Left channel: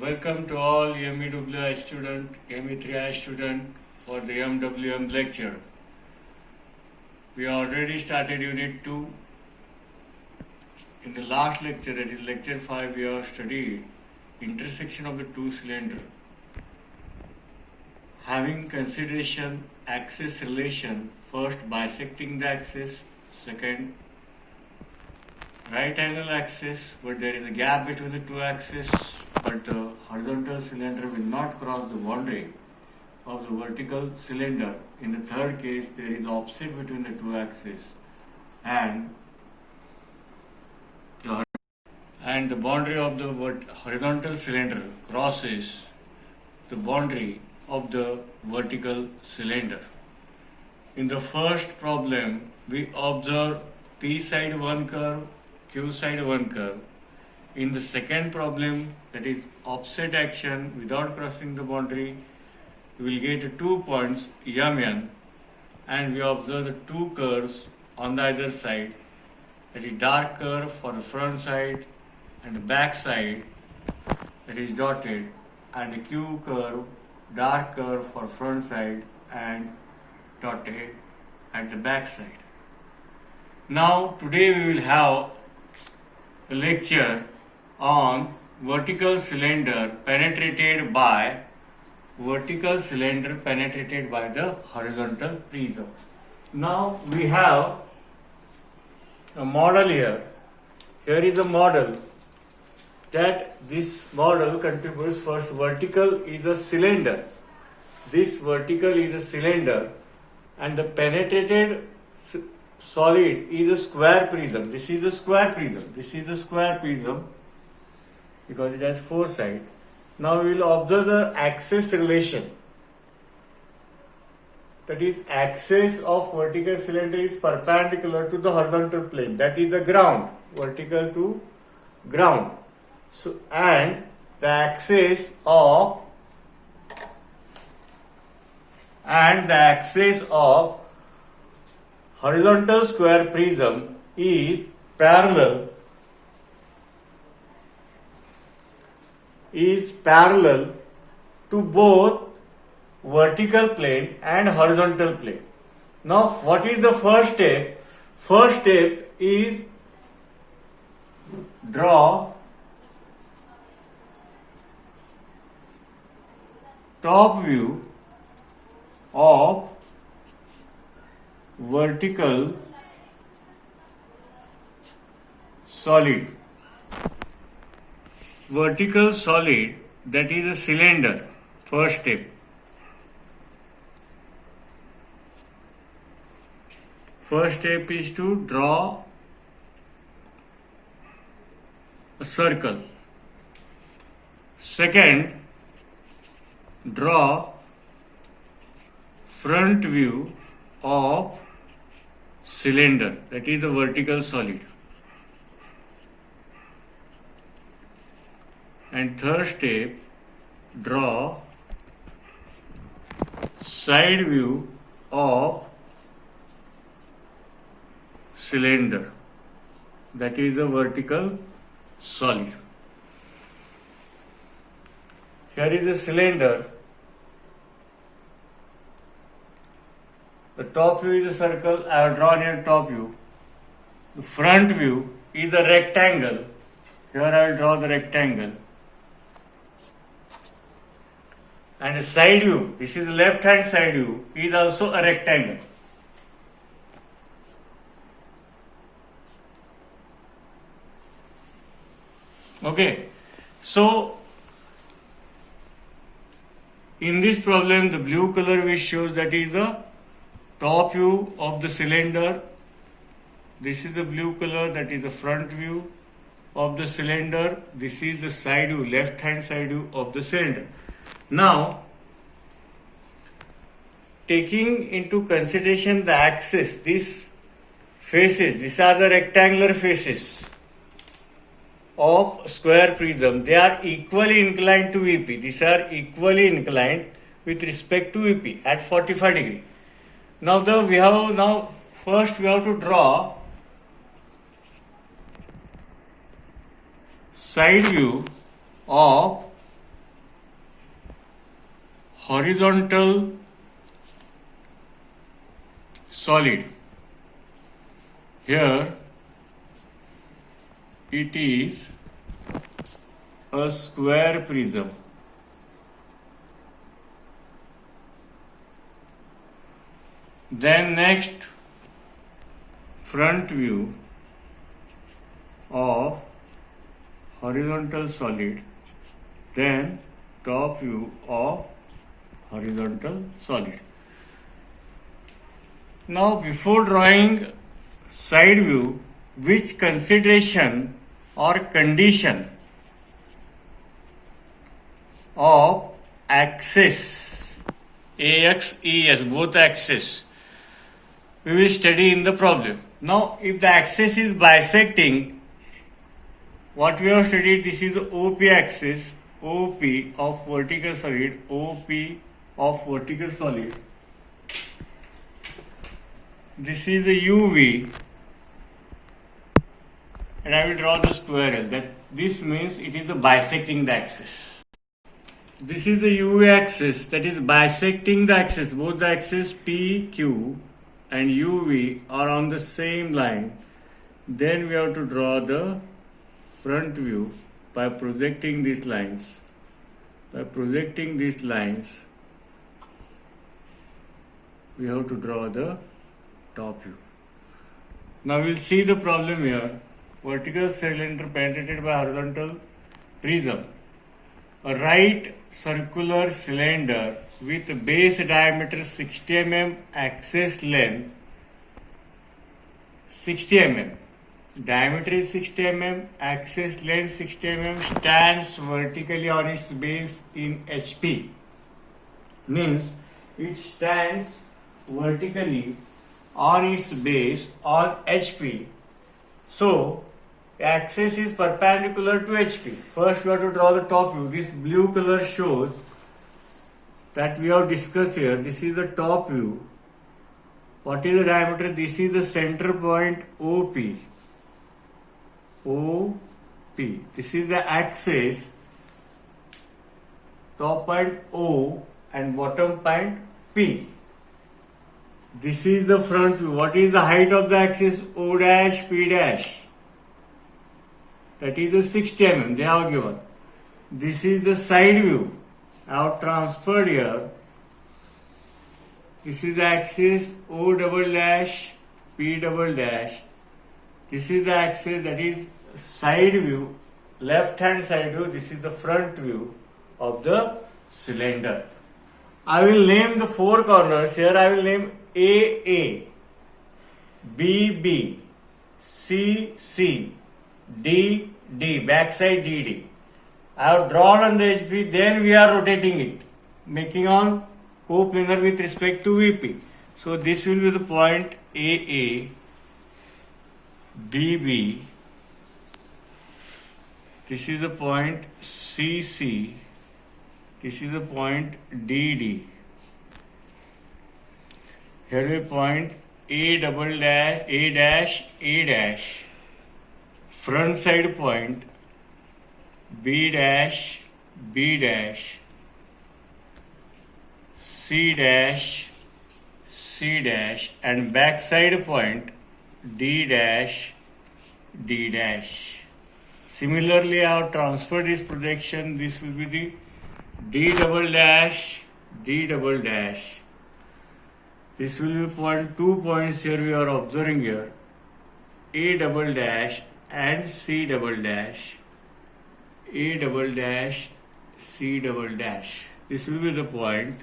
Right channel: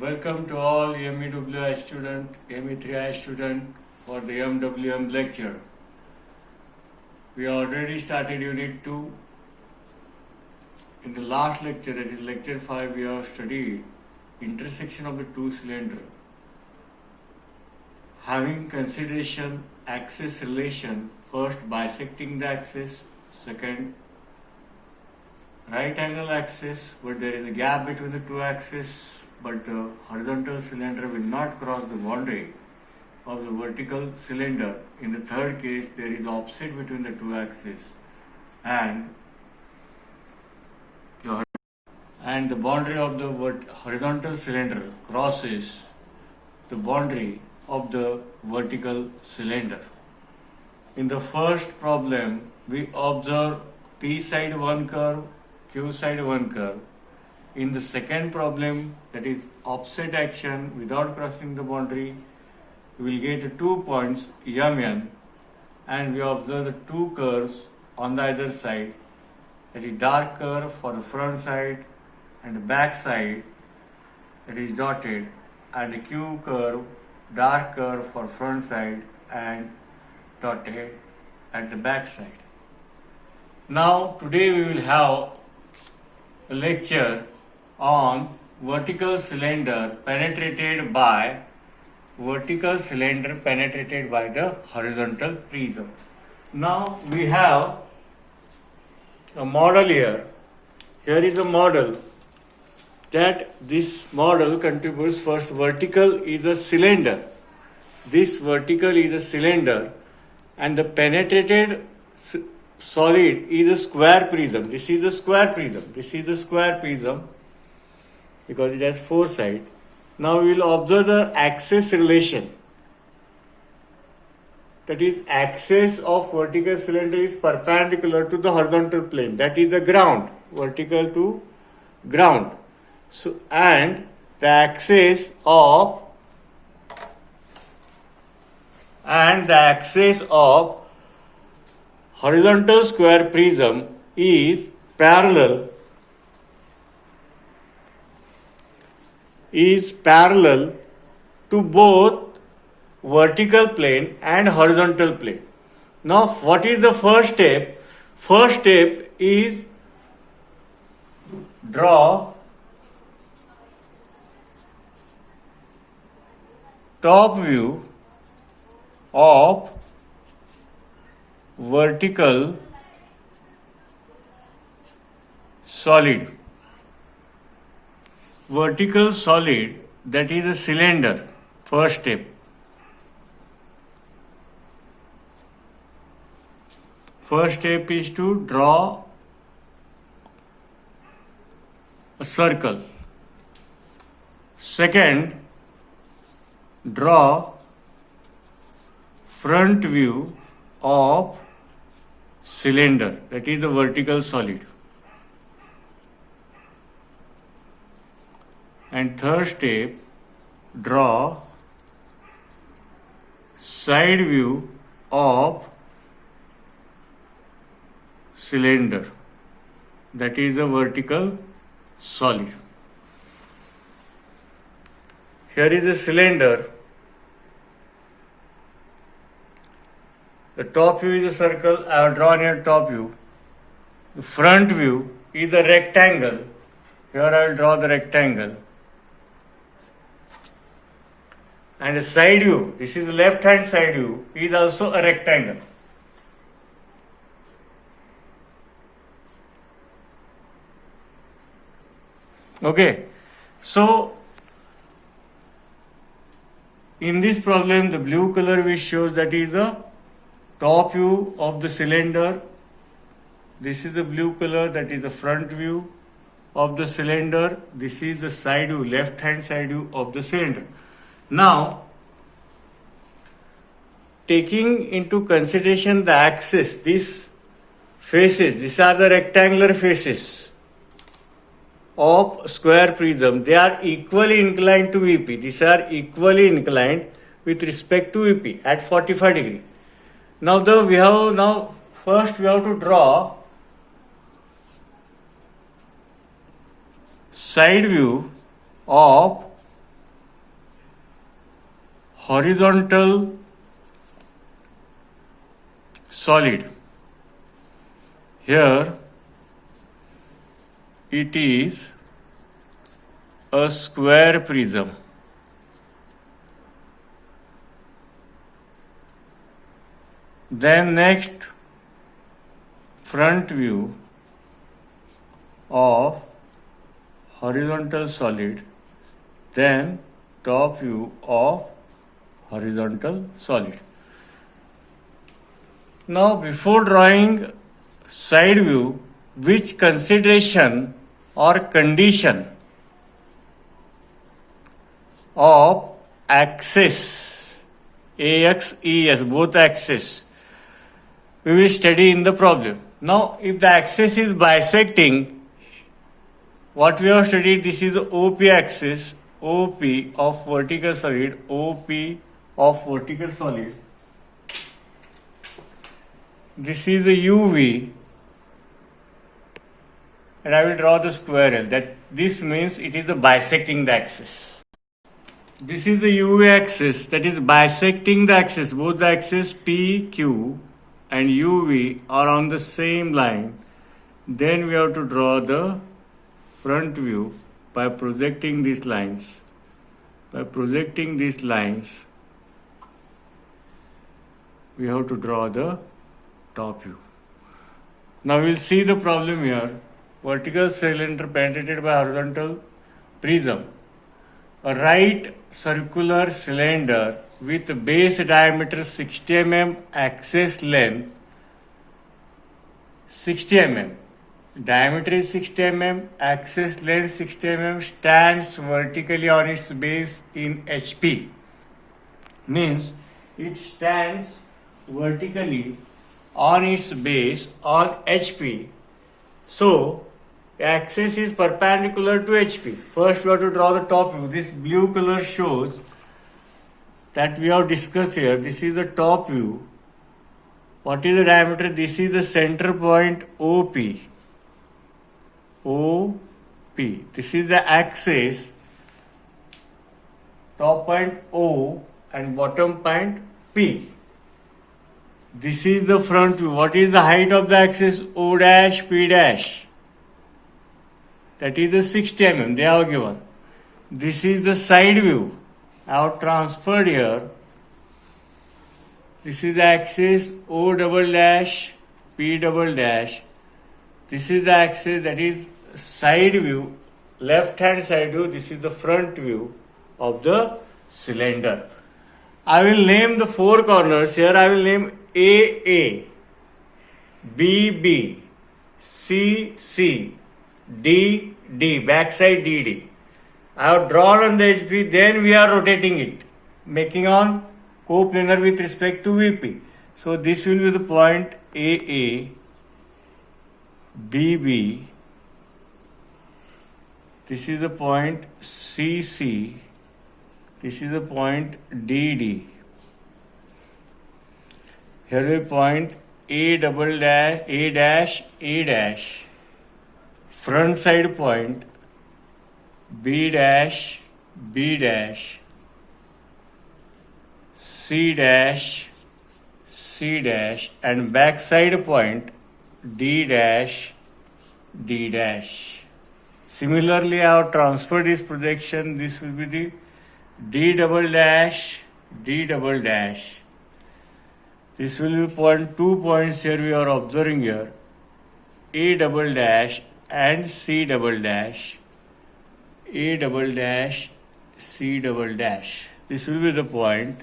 Welcome to all MEWI student, ME3I student for the MWM lecture. We already started Unit 2. In the last lecture, that is lecture 5, we have studied intersection of the two cylinders. Having consideration axis relation, first bisecting the axis, second right angle axis, but there is a gap between the two axes, but the horizontal cylinder will not cross the boundary of the vertical cylinder. In the third case, there is offset between the two axes and the boundary of the horizontal cylinder crosses the boundary of the vertical cylinder. In the first problem, we observe P side one curve, Q side one curve. In the second problem, that is offset action without crossing the boundary, we will get 2 points MN, and we observe the two curves on the either side. That is dark curve for the front side and the back side, that is dotted, and the Q curve, dark curve for front side and dotted at the back side. Now today we will have a lecture on vertical cylinder penetrated by the horizontal prism. Now we have a model here. Here is a model that this model contributes. First, vertical is a cylinder. This vertical is a cylinder, and the penetrated solid is a square prism. This is the square prism. This is the square prism because it has four sides. Now we will observe the axis relation. That is, axis of vertical cylinder is perpendicular to the horizontal plane. That is the ground, vertical to ground. So, and the axis of horizontal square prism is parallel to both vertical plane and horizontal plane. Now, what is the first step? First step is draw top view of vertical solid. Vertical solid, that is a cylinder. First step. First step is to draw a circle. Second, draw front view of cylinder, that is the vertical solid. And third step, draw side view of cylinder, that is the vertical solid. Here is a cylinder. The top view is a circle. I have drawn here top view. The front view is a rectangle. Here I will draw the rectangle. And the side view, this is the left hand side view, is also a rectangle. Okay, so in this problem, the blue color which shows that is the top view of the cylinder. This is the blue color, that is the front view of the cylinder. This is the side view, left hand side view of the cylinder. Now, taking into consideration the axis, these faces, these are the rectangular faces of square prism. They are equally inclined to VP. These are equally inclined with respect to VP at 45 degree. Now first we have to draw side view of horizontal solid. Here it is a square prism. Then next, front view of horizontal solid, then top view of horizontal solid. Now, before drawing side view, which consideration or condition of axis, AX, ES, both axes, we will study in the problem. Now, if the axis is bisecting, what we have studied, this is the OP axis, OP of vertical solid, OP of vertical solid. This is the UV, and I will draw the square L. That this means it is the bisecting the axis. This is the UV axis that is bisecting the axis. Both the axes PQ and UV are on the same line. Then we have to draw the front view by projecting these lines. By projecting these lines, we have to draw the top view. Now we will see the problem here. Vertical cylinder penetrated by horizontal prism. A right circular cylinder with base diameter 60 mm, axis length 60 mm. Diameter is 60 mm, axis length 60 mm, stands vertically on its base in HP. Means it stands vertically on its base on HP. So, axis is perpendicular to HP. First we have to draw the top view. This blue color shows that we have discussed here. This is the top view. What is the diameter? This is the center point OP. OP. This is the axis. Top point O and bottom point P. This is the front view. What is the height of the axis? O dash, P dash. That is the 60 mm they have given. This is the side view. I have transferred here. This is the axis O double dash, P double dash. This is the axis that is side view, left hand side view. This is the front view of the cylinder. I will name the four corners. Here I will name AA, BB, CC, DD, backside DD. I have drawn on the HP, then we are rotating it, making on coplanar with respect to VP. So this will be the point AA, BB, this is the point CC, this is the point DD. Here we point A double dash, A dash, A dash, front side point B dash, B dash, C dash, C dash, and back side point D dash, D dash. Similarly, I have transferred this projection. This will be the D double dash, D double dash. This will be point, 2 points here we are observing here, A double dash and C double dash, A double dash, C double dash. This will be the point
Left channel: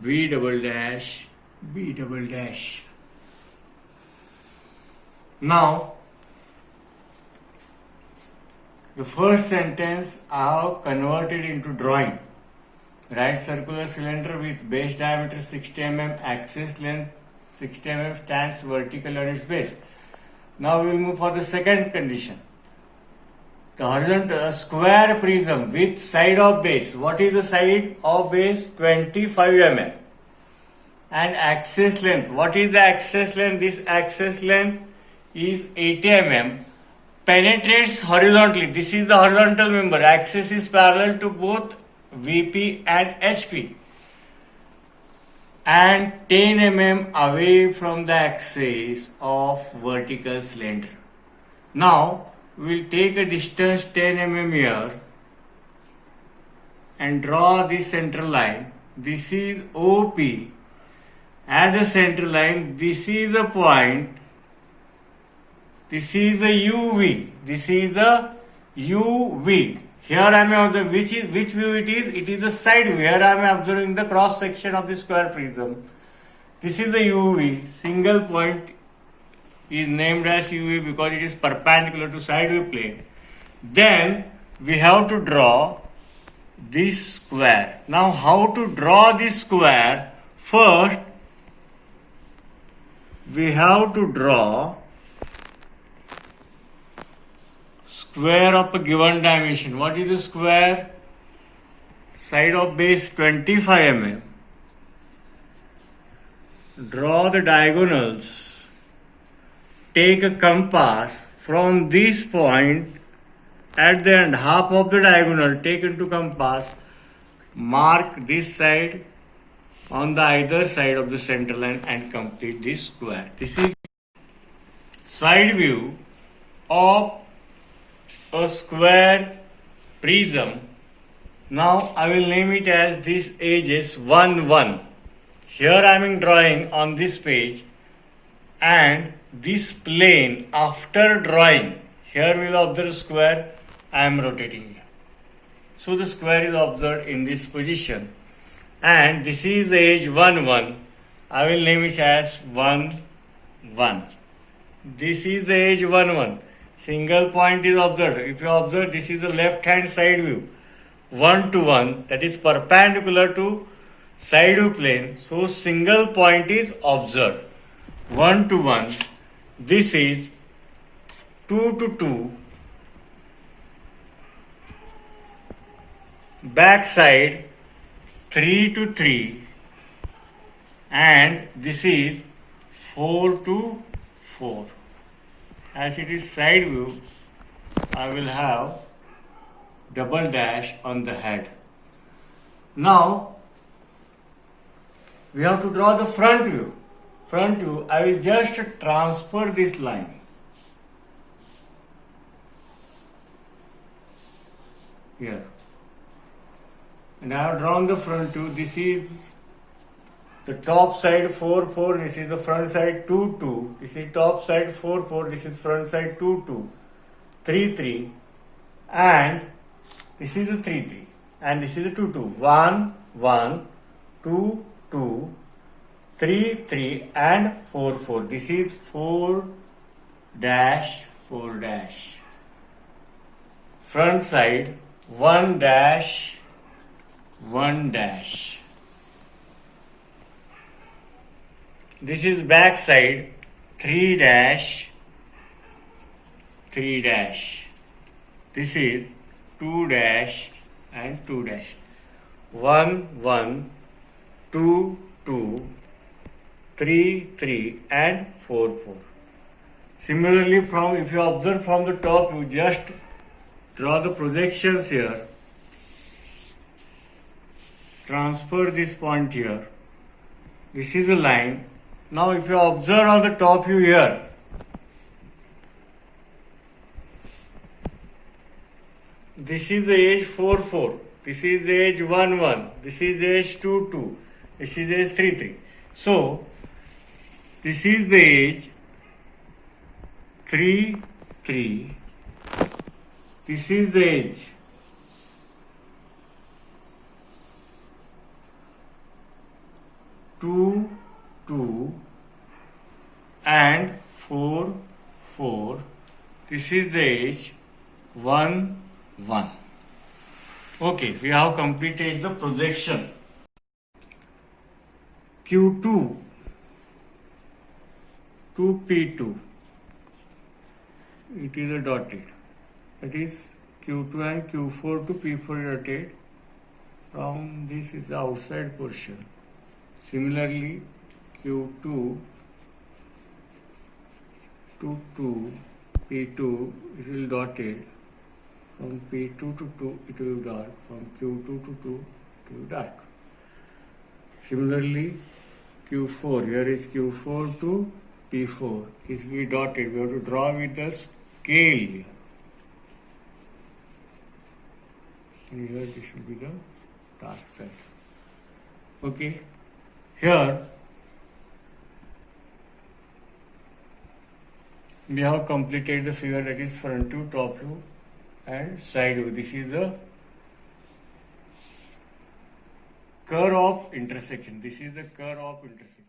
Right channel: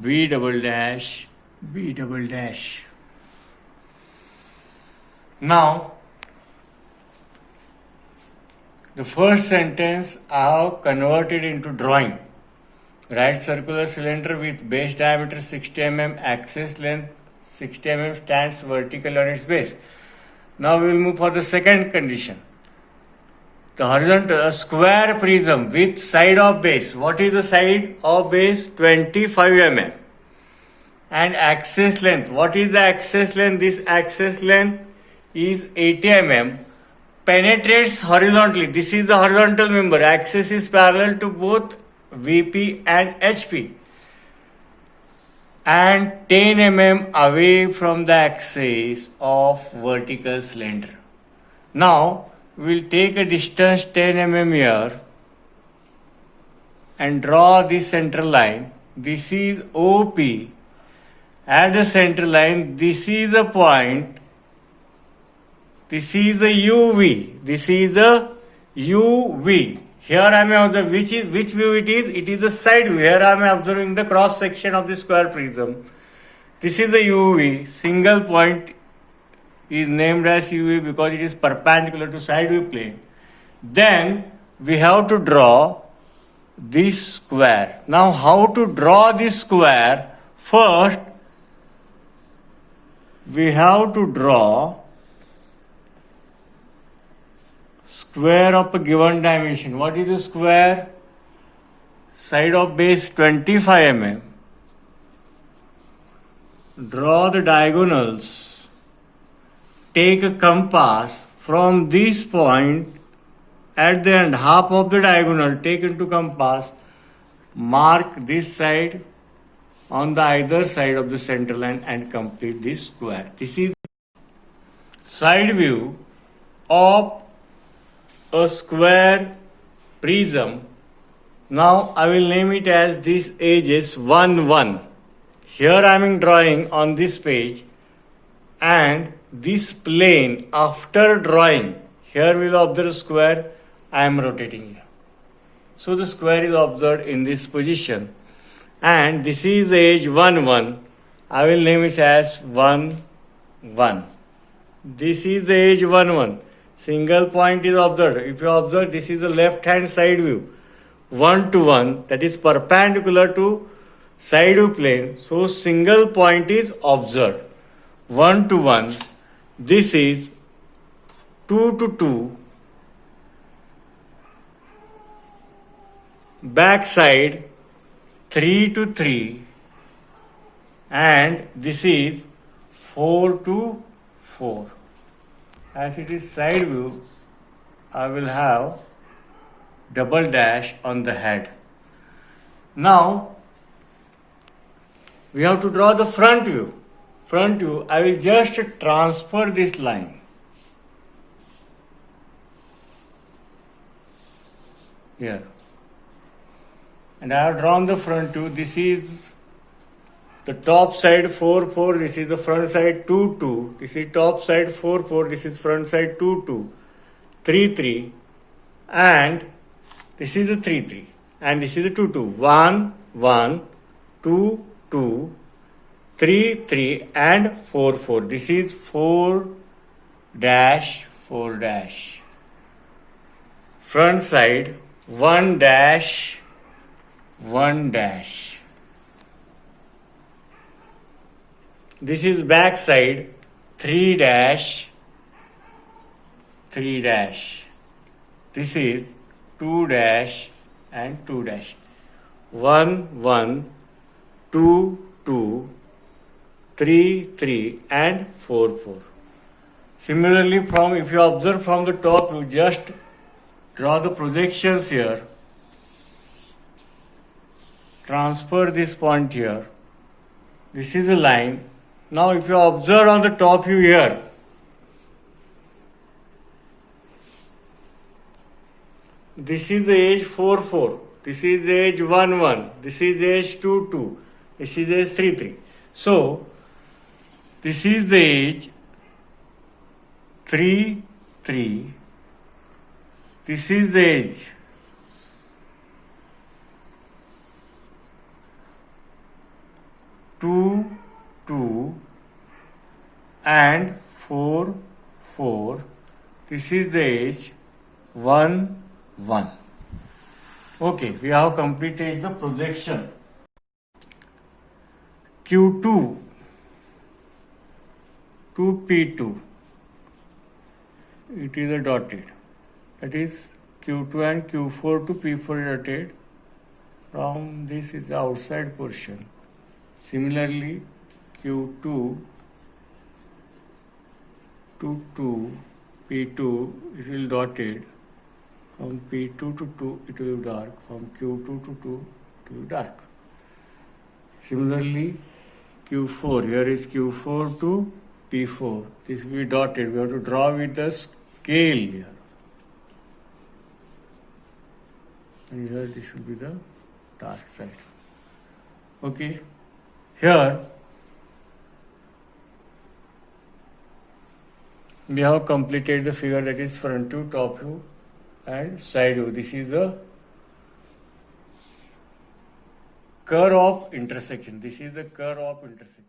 B double dash, B double dash. Now, the first sentence I have converted into drawing. Right circular cylinder with base diameter 60 mm, axis length 60 mm, stands vertical on its base. Now we will move for the second condition. The horizontal, a square prism with side of base. What is the side of base? 25 mm. And axis length. What is the axis length? This axis length is 80 mm. Penetrates horizontally. This is the horizontal member. Axis is parallel to both VP and HP. and 10 mm away from the axis of vertical cylinder. Now we'll take a distance 10 mm here and draw the center line. This is OP. At the center line, this is the point. This is the UV. This is the UV. Here I am observing which view it is. It is the side view. Here I am observing the cross section of the square prism. This is the UV. Single point is named as UV because it is perpendicular to side view plane. Then we have to draw this square. Now how to draw this square? First we have to draw square of a given dimension. What is the square? Side of base 25 mm. Draw the diagonals. Take a compass from this point at the end, half of the diagonal taken to compass. Mark this side on the either side of the center line and complete this square. This is side view of a square prism. Now I will name it as this edges 1 1. Here I am drawing on this page, and this plane after drawing, here we will observe square. I am rotating here. So the square is observed in this position, and this is the edge 1 1. I will name it as 1 1. This is the edge 1 1. Single point is observed. If you observe, this is the left hand side view 1 to 1, that is perpendicular to side view plane. So single point is observed 1 to 1. This is 2 to 2. Back side 3 to 3, and this is 4 to 4. As it is side view, I will have double dash on the head. Now we have to draw the front view. Front view, I will just transfer this line. Here. And I have drawn the front view. This is the top side 4 4. This is the front side 2 2. This is top side 4 4. This is front side 2 2. 3 3. And this is the 3 3. And this is the 2 2. 1 1 2 2 3 3 and 4 4. This is 4 dash 4 dash. Front side 1 dash 1 dash. This is back side 3 dash 3 dash. This is 2 dash and 2 dash. 1 1 2 2 3 3 and 4 4. Similarly, if you observe from the top, you just draw the projections here. Transfer this point here. This is a line. Now if you observe on the top view here, this is the edge 4 4. This is the edge 1 1. This is the edge 2 2. This is the edge 3 3. So this is the edge 3 3. This is the edge 2 2 and 4 4. This is the edge 1 1. Okay, we have completed the projection. Q2 to P2. It is a dotted. That is Q2 and Q4 to P4 dotted. From this is the outside portion. Similarly, Q2 to P2, it will dotted. From P2 to 2, it will dark. From Q2 to 2, it will dark. Similarly, Q4. Here is Q4 to P4. This will be dotted. We have to draw with the scale here. And here this will be the dark side. Okay. Here we have completed the figure, that is front view, top view and side view. This is the curve of intersection. This is the curve of intersection.